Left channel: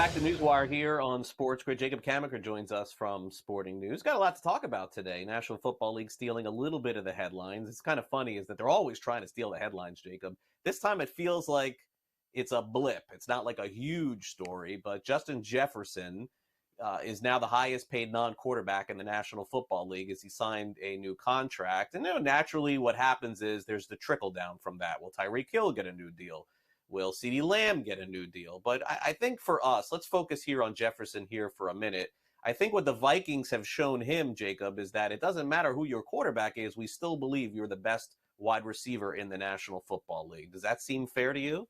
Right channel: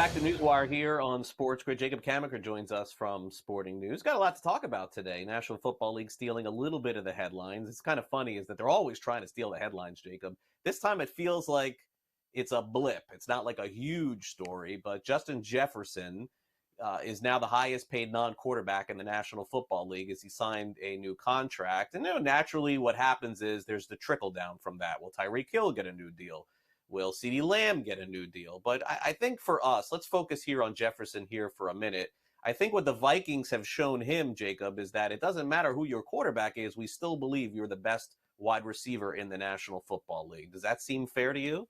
Back to NewsWire here on SportsGrid. Jacob Camenker joins us from Sporting News. Got a lot to talk about today. National Football League stealing a little bit of the headlines. It's kind of funny is that they're always trying to steal the headlines, Jacob. This time it feels like it's a blip. It's not like a huge story, but Justin Jefferson is now the highest paid non-quarterback in the National Football League as he signed a new contract. And naturally what happens is there's the trickle down from that. Will Tyreek Hill get a new deal? Will CeeDee Lamb get a new deal? But I think for us, let's focus here on Jefferson here for a minute. I think what the Vikings have shown him, Jacob, is that it doesn't matter who your quarterback is. We still believe you're the best wide receiver in the National Football League. Does that seem fair to you?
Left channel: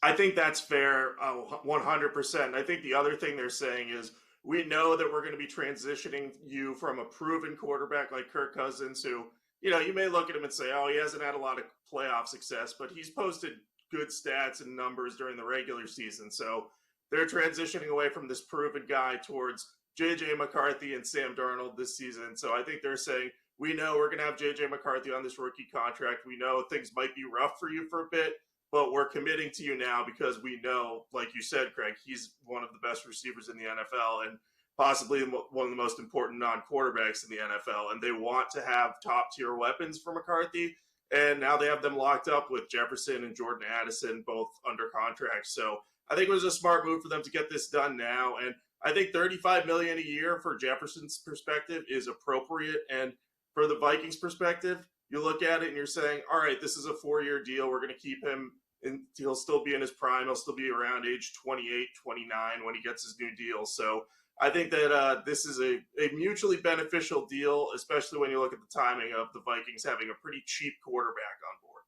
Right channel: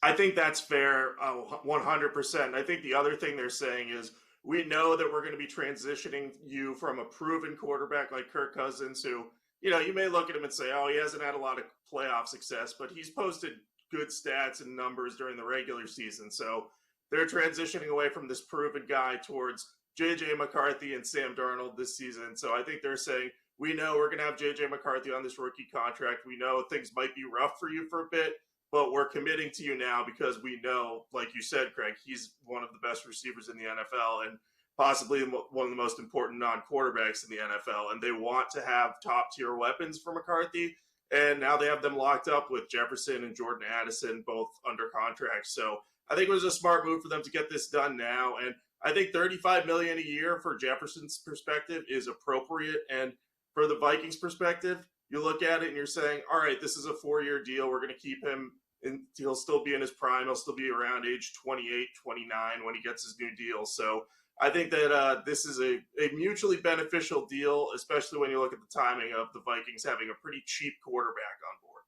I think that's fair, 100%. I think the other thing they're saying is we know that we're going to be transitioning you from a proven quarterback like Kirk Cousins, who, you may look at him and say, oh, he hasn't had a lot of playoff success, but he's posted good stats and numbers during the regular season. So they're transitioning away from this proven guy towards J.J. McCarthy and Sam Darnold this season. So I think they're saying, we know we're going to have J.J. McCarthy on this rookie contract. We know things might be rough for you for a bit, but we're committing to you now because we know, like you said, Craig, he's one of the best receivers in the NFL and possibly one of the most important non-quarterbacks in the NFL. And they want to have top-tier weapons for McCarthy. And now they have them locked up with Jefferson and Jordan Addison, both under contract. So I think it was a smart move for them to get this done now. And I think $35 million a year for Jefferson's perspective is appropriate. And for the Vikings perspective, you look at it and you're saying, all right, this is a 4-year deal. We're going to keep him. And he'll still be in his prime. He'll still be around age 28, 29 when he gets his new deal. So I think that this is a mutually beneficial deal, especially when you look at the timing of the Vikings having a pretty cheap quarterback on board.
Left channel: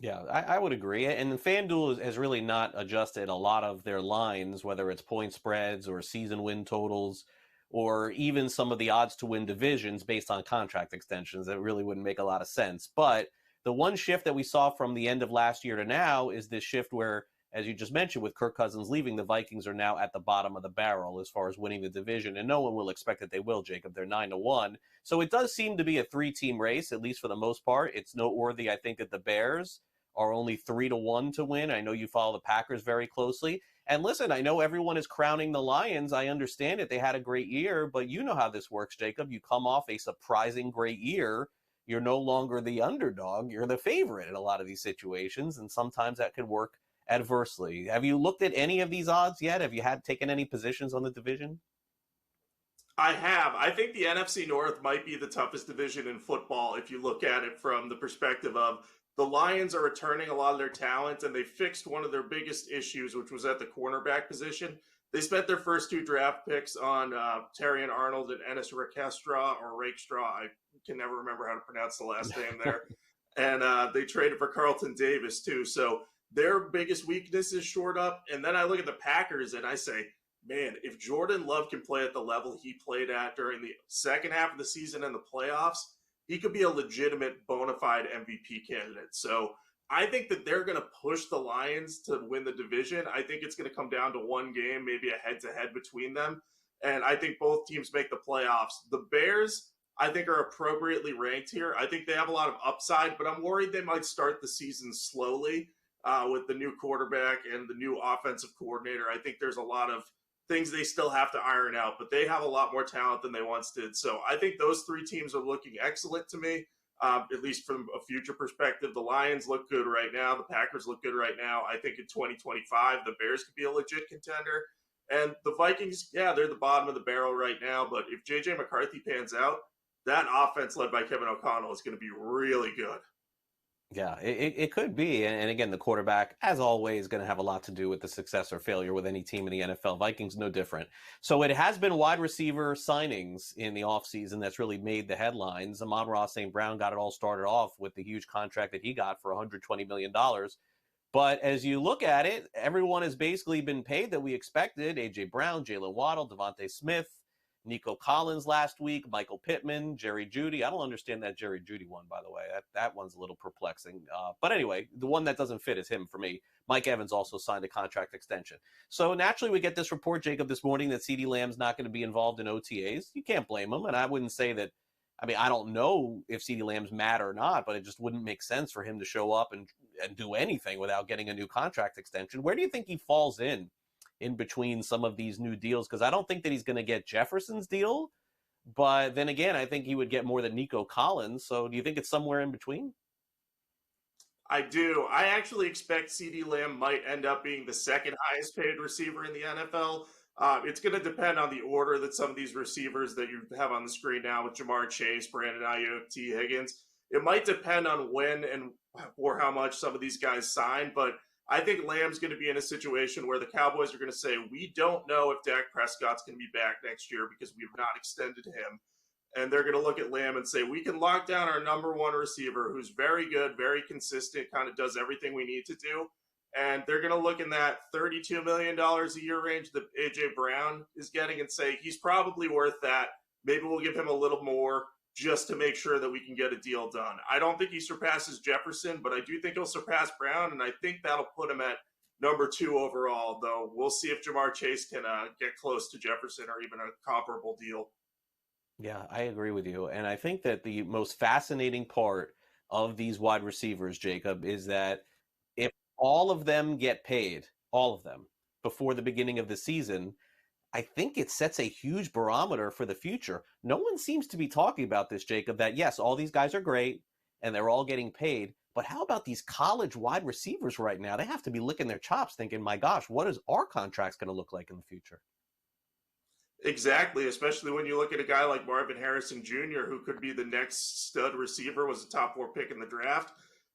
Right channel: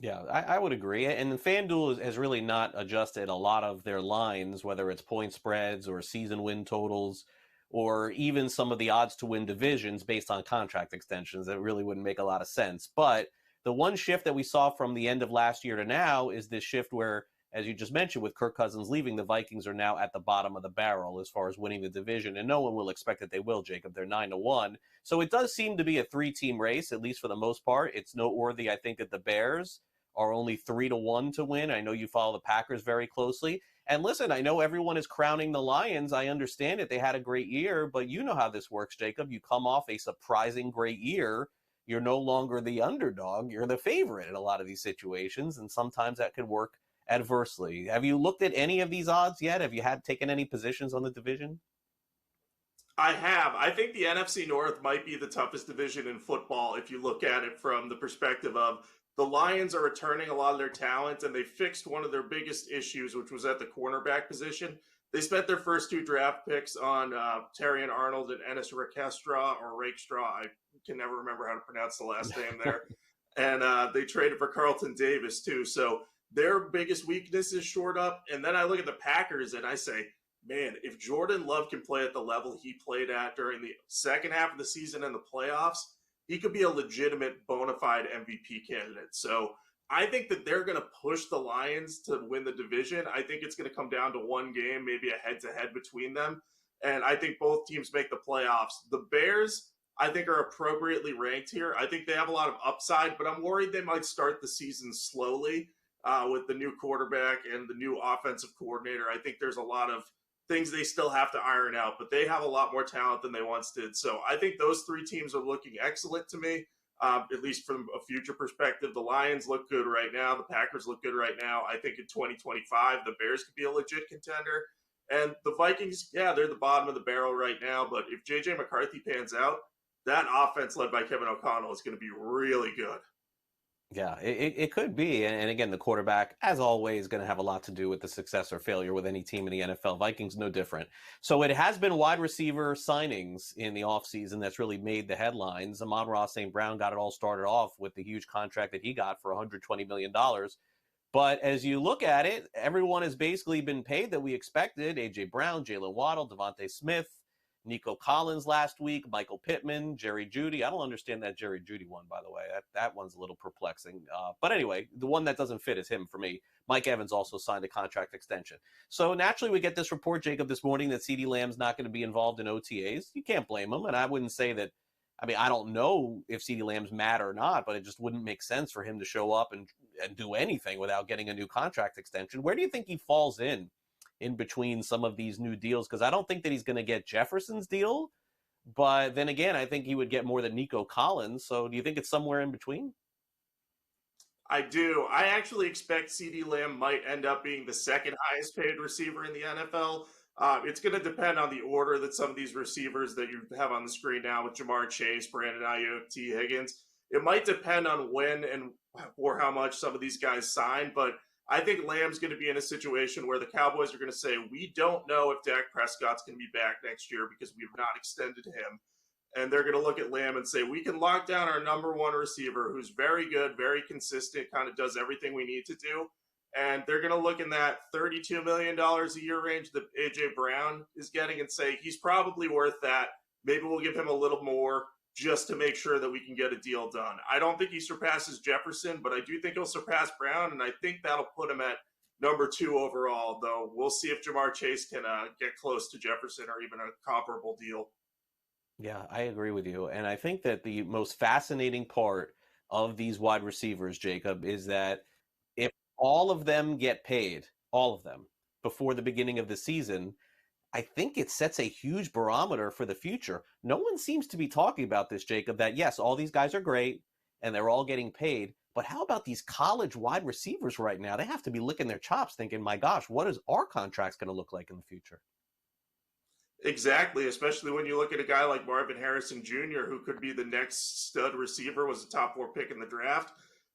Yeah, I would agree. And the FanDuel has really not adjusted a lot of their lines, whether it's point spreads or season win totals, or even some of the odds to win divisions based on contract extensions. That really wouldn't make a lot of sense. But the one shift that we saw from the end of last year to now is this shift where, as you just mentioned, with Kirk Cousins leaving, the Vikings are now at the bottom of the barrel as far as winning the division. And no one will expect that they will, Jacob. They're 9-1. So it does seem to be a 3-team race, at least for the most part. It's noteworthy, I think, that the Bears are only 3-1 to win. I know you follow the Packers very closely. And listen, I know everyone is crowning the Lions. I understand it. They had a great year, but you know how this works, Jacob. You come off a surprising great year. You're no longer the underdog. You're the favorite in a lot of these situations, and sometimes that could work adversely. Have you looked at any of these odds yet? Have you taken any positions on the division? I have. I think the NFC North might be the toughest division in football if you look at it from the perspective of the Lions are returning a lot of their talent, and they fixed one of their biggest issues, which was at the cornerback position. They spent their first 2 draft picks on Terrion Arnold and Ennis Rakestraw, or Rakestraw. I can never remember how to pronounce the last name there. And they traded for Carlton Davis, too. So their biggest weakness is short up. And then I look at the Packers and I say, man, if Jordan Love can play at the level he played at during the second half of the season and the playoffs, he could be a legitimate bona fide MVP candidate. So I think that they're going to push the Lions to win the division. I think it's going to come down to one game, maybe a head-to-head between them. And I think both teams make the playoffs. The Bears, I think, are appropriately ranked here. I think they have a lot of upside, but I'm worried they might start the season slowly with the new quarterback and the new offensive coordinator. I think there's a lot of things they still have to iron out, but they have a lot more talent than they once did. So I think those 3 teams are looking excellent to me. At least from a future perspective. The Lions look good right now. The Packers look good right now. I think in 2025, the Bears could be a legit contender. And the Vikings, yeah, they're the bottom of the barrel right now. But if J.J. McCarthy pans out, that offense led by Kevin O'Connell is going to be really good. Yeah, it could be. And again, the quarterback, as always, going to have a lot to do with the success or failure with any team in the NFL. Vikings, no different. So it has been wide receiver signings in the offseason that's really made the headlines. Amon-Ra St. Brown got it all started off with the huge contract that he got for $120 million. But as you look at it, everyone has basically been paid that we expected. A.J. Brown, Jalen Waddle, Devontae Smith, Nico Collins last week, Michael Pittman, Jerry Jeudy. I don't understand that Jerry Jeudy one, by the way. That one's a little perplexing. But anyway, the one that doesn't fit is him for me. Mike Evans also signed a contract extension. So naturally we get this report, Jacob, this morning that CeeDee Lamb's not going to be involved in OTAs. You can't blame him. And I wouldn't say that, I mean, I don't know if CeeDee Lamb's mad or not, but it just wouldn't make sense for him to show up and do anything without getting a new contract extension. Where do you think he falls in in between some of these new deals, because I don't think that he's going to get Jefferson's deal. But then again, I think he would get more than Nico Collins. So do you think it's somewhere in between? I do. I actually expect CeeDee Lamb might end up being the second highest paid receiver in the NFL. It's going to depend on the order that some of these receivers that you have on the screen now with Jamar Chase, Brandon Ayuk, T. Higgins. It might depend on when and or how much some of these guys sign, but I think Lamb's going to be in a situation where the Cowboys are going to say, we don't know if Dak Prescott's going to be back next year because we've not extended him. And they're going to look at Lamb and say, we can lock down our number one receiver who's very good, very consistent, kind of does everything we need to do. And they're going to look in that $32 million a year range that A.J. Brown is getting and say, he's probably worth that. Maybe we'll give him a little more just to make sure that we can get a deal done. I don't think he surpasses Jefferson, but I do think he'll surpass Brown, and I think that'll put him at number 2 overall, though we'll see if Jamar Chase can get close to Jefferson or even a comparable deal. Yeah, I agree with you. And I think that the most fascinating part of these wide receivers, Jacob, is that if all of them get paid, all of them, before the beginning of the season, I think it sets a huge barometer for the future. No one seems to be talking about this, Jacob, that yes, all these guys are great and they're all getting paid. But how about these college wide receivers right now? They have to be licking their chops thinking, my gosh, what is our contracts going to look like in the future? Exactly, especially when you look at a guy like Marvin Harrison Jr., who could be the next stud receiver, was a top 4 pick in the draft.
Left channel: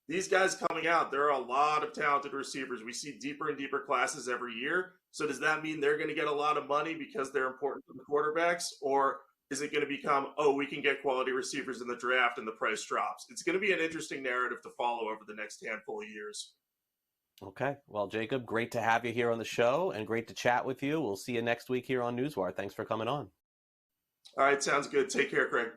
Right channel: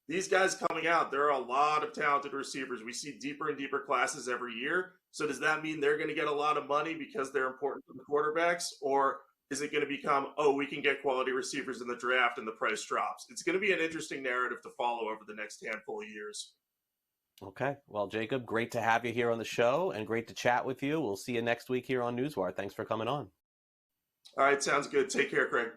These guys coming out, there are a lot of talented receivers. We see deeper and deeper classes every year. So does that mean they're going to get a lot of money because they're important to the quarterbacks? Or is it going to become, oh, we can get quality receivers in the draft and the price drops? It's going to be an interesting narrative to follow over the next handful of years. Okay. Well, Jacob, great to have you here on the show and great to chat with you. We'll see you next week here on NewsWire. Thanks for coming on. All right, sounds good. Take care, Craig.